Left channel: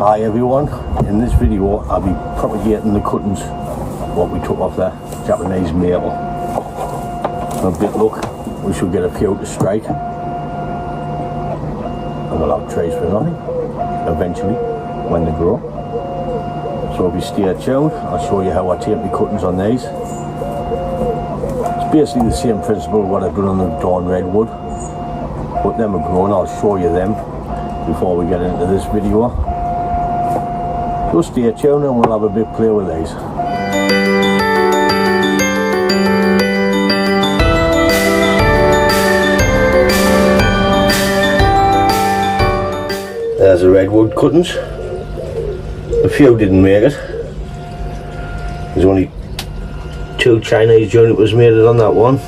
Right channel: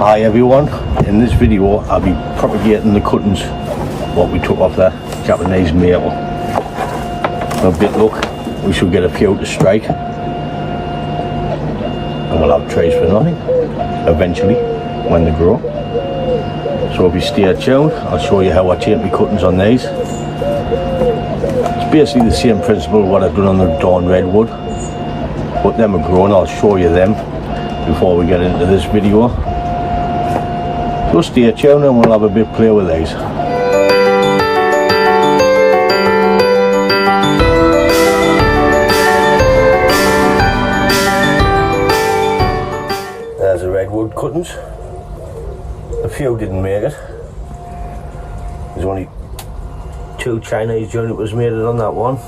Hi everyone, in this video I'll be propagating the cuttings what we took off the Japanese maple. A bit luck, we should get a few to strike and we'll have trees for nothing eventually when they grow. So if you stay tuned, I'll show you how I take my cuttings on these. It's basically the same principle what I've done on the Dawn Redwood, but them are grown. I'll show you them before we get into this video. So stay tuned and we'll have a bit play with these. There's the redwood cuttings. A few didn't make it. There's only 2 Chinese junipers made it on that one.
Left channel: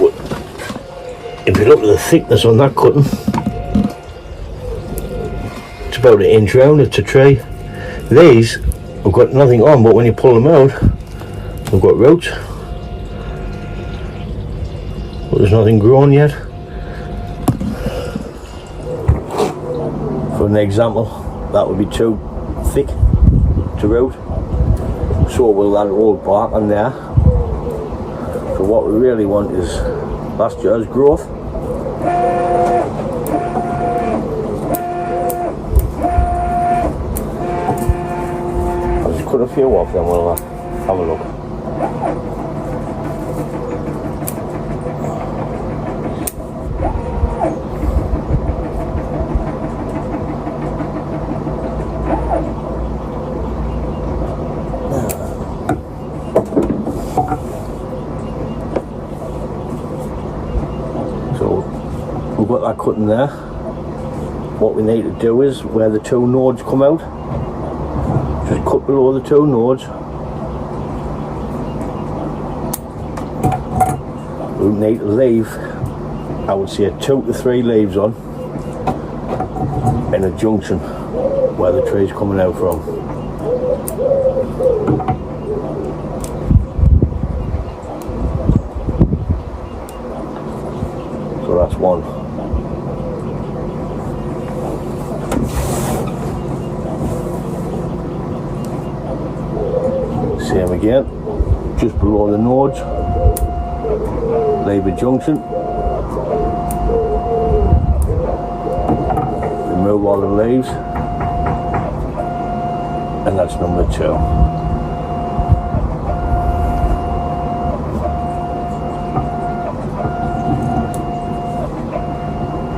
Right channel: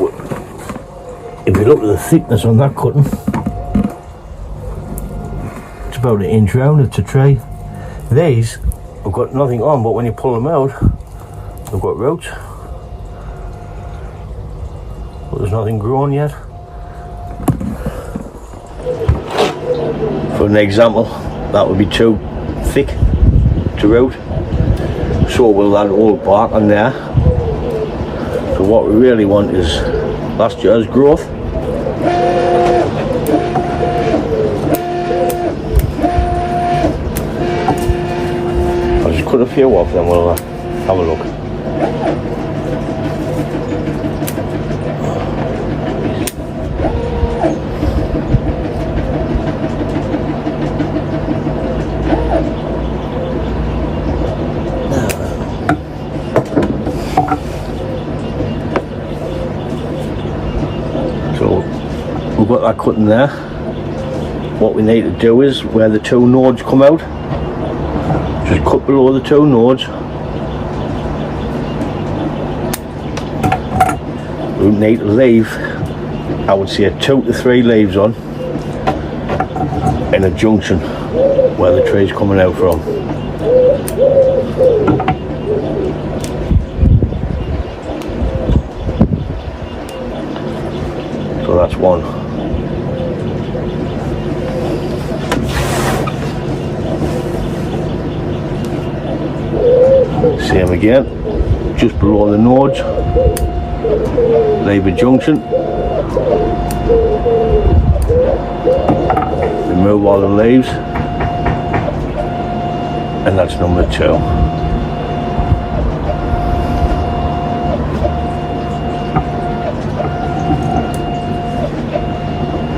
But if you look at the thickness on that cutting, it's about 1 inch round. It's a tree. These have got nothing on, but when you pull them out, they've got roots. But there's nothing grown yet. For an example, that would be too thick to root, so we'll add old bark on there. So what we really want is last year's growth. I'll just cut a few off, then we'll have a look. We've got that cutting there. What we need to do is where the 2 nodes come out, just cut below the 2 nodes. We need to leave, I would say, 2 to 3 leaves on in a junction where the tree's coming out from. So that's one. Same again, just below the nodes, leave a junction, remove all the leaves, and that's number 2.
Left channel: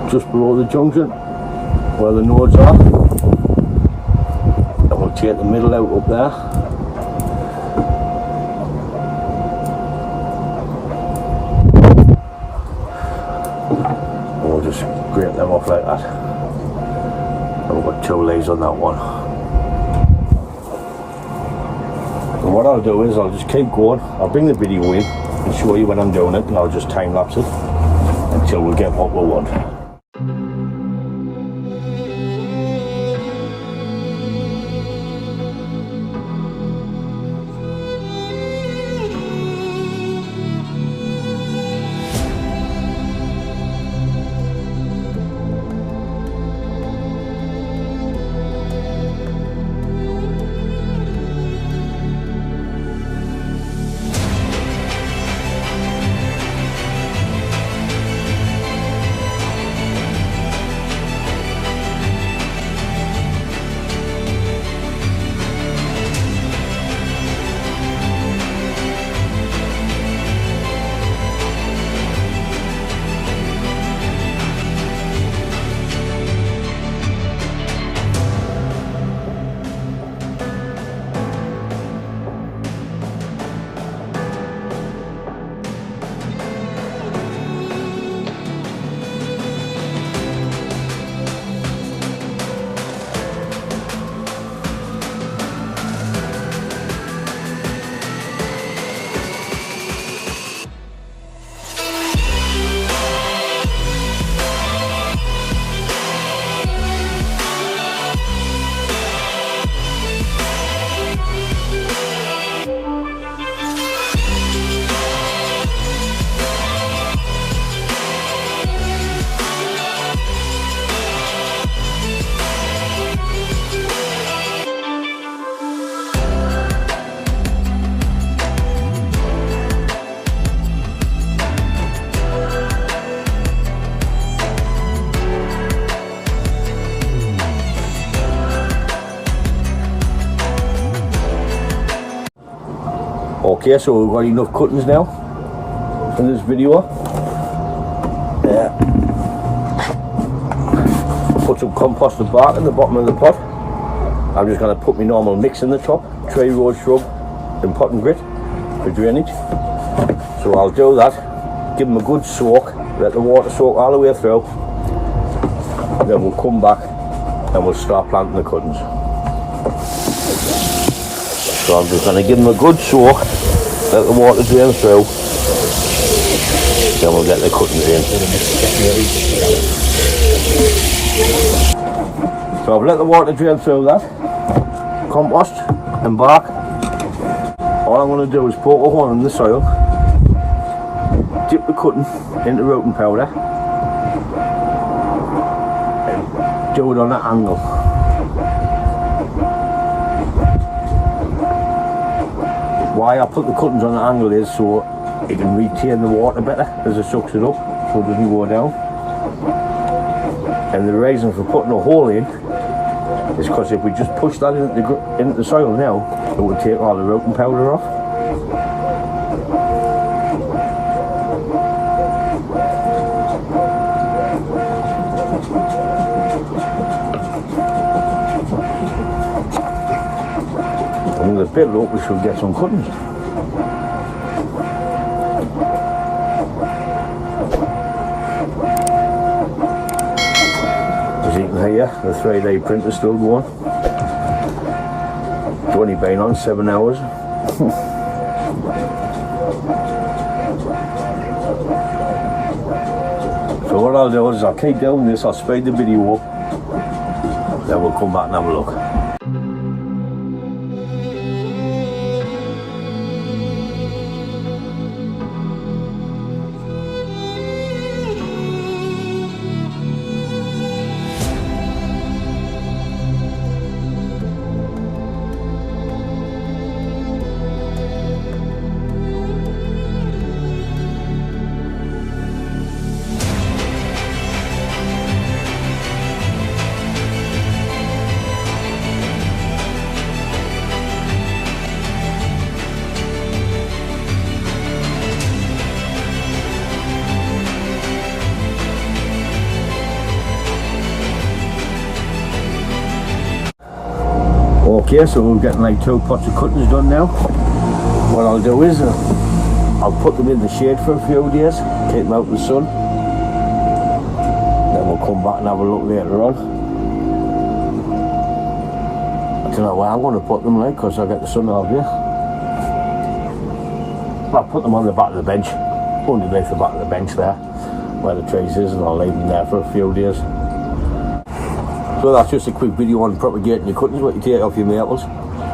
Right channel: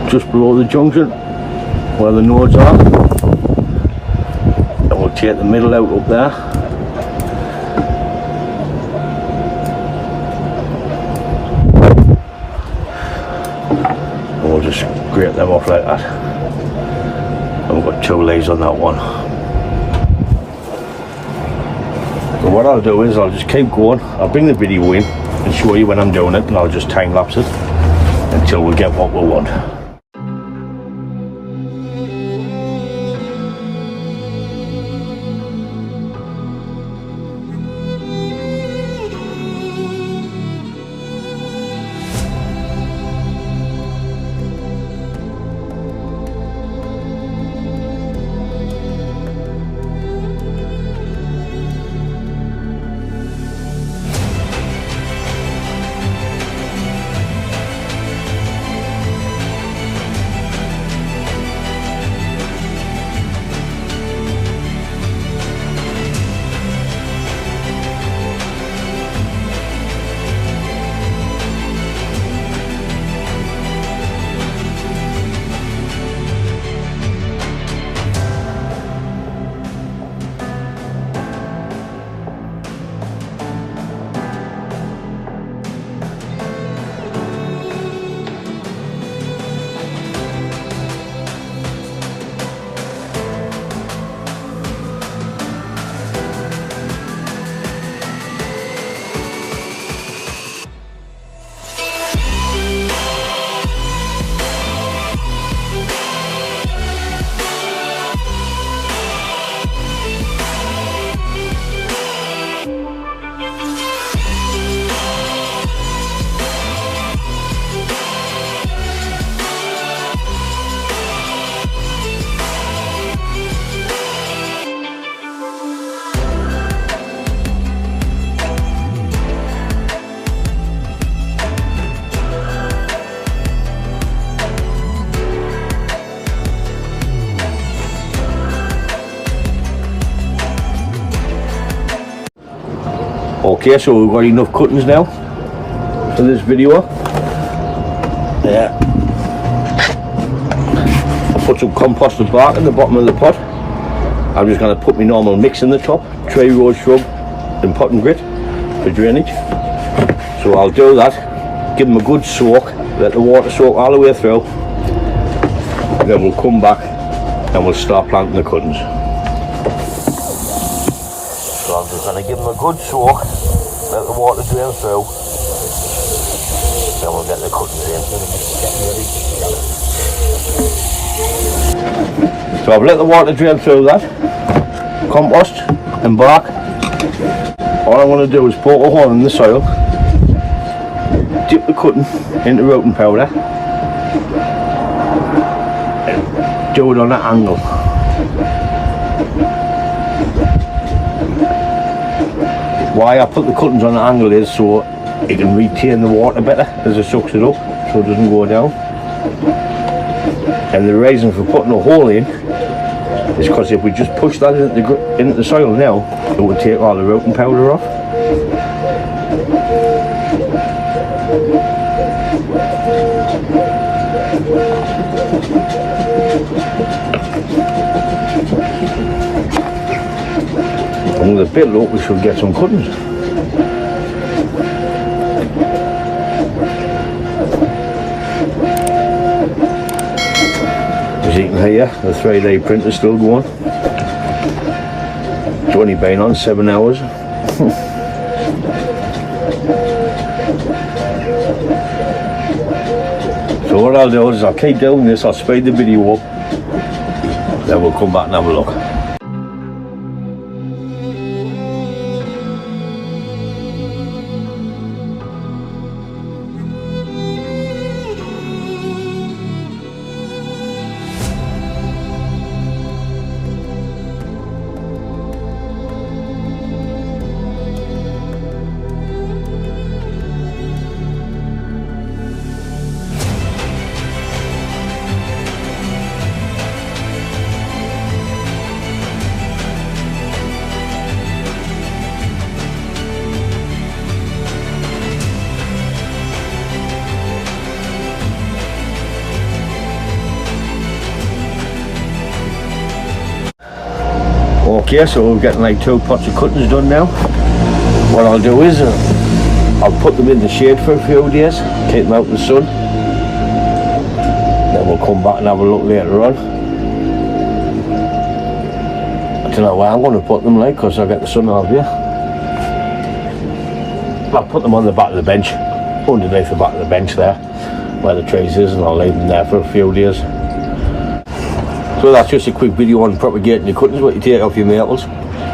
Just below the junction where the nodes are, and we'll take the middle out up there. And we'll just scrape them off like that. And we've got 2 leaves on that one. So what I'll do is I'll just keep going. I'll bring the video in and show you when I'm doing it, and I'll just time lapse it until we get what we want. Okay, so we've got enough cuttings now for this video. Yeah. I put some composted bark in the bottom of the pot. I'm just going to put my normal mix in the top, tree rose shrub and pot and grit for drainage. So I'll do that, give them a good soak, let the water soak all the way through, and then we'll come back and we'll start planting the cuttings. So I'm just going to give them a good soak, let the water drain through, then we'll get the cuttings in. So I've let the water drain through that, compost and bark. All I'm going to do is poke a hole in the soil, dip the cutting into rooting powder, and do it on an angle. Why I put the cuttings on an angle is so it can retain the water better as it sucks it up, so it doesn't go down. And the reason for putting a hole in is because if we just push that into the soil now, it would take all the rooting powder off. And with a bit of luck we should get some cuttings. As you can hear, the 3D printer's still going. It's only been on 7 hours. So what I'll do is I'll keep doing this, I'll speed the video up, then we'll come back and have a look. Okay, so we're getting like 2 pots of cuttings done now. What I'll do is I'll put them in the shade for a few days, keep them out in the sun. Then we'll come back and have a look later on. I don't know where I'm going to put them, like, because I get the sun out here. I'll put them on the back of the bench, underneath the back of the bench there, where the trees is, and I'll leave them there for a few days. So that's just a quick video on propagating your cuttings, what you take off your maples.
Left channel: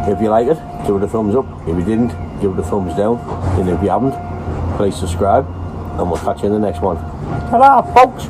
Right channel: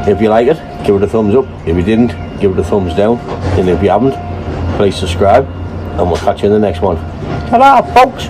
If you like it, give it a thumbs up. If you didn't, give it a thumbs down. And if you haven't, please subscribe, and we'll catch you in the next one. Ta-da, folks!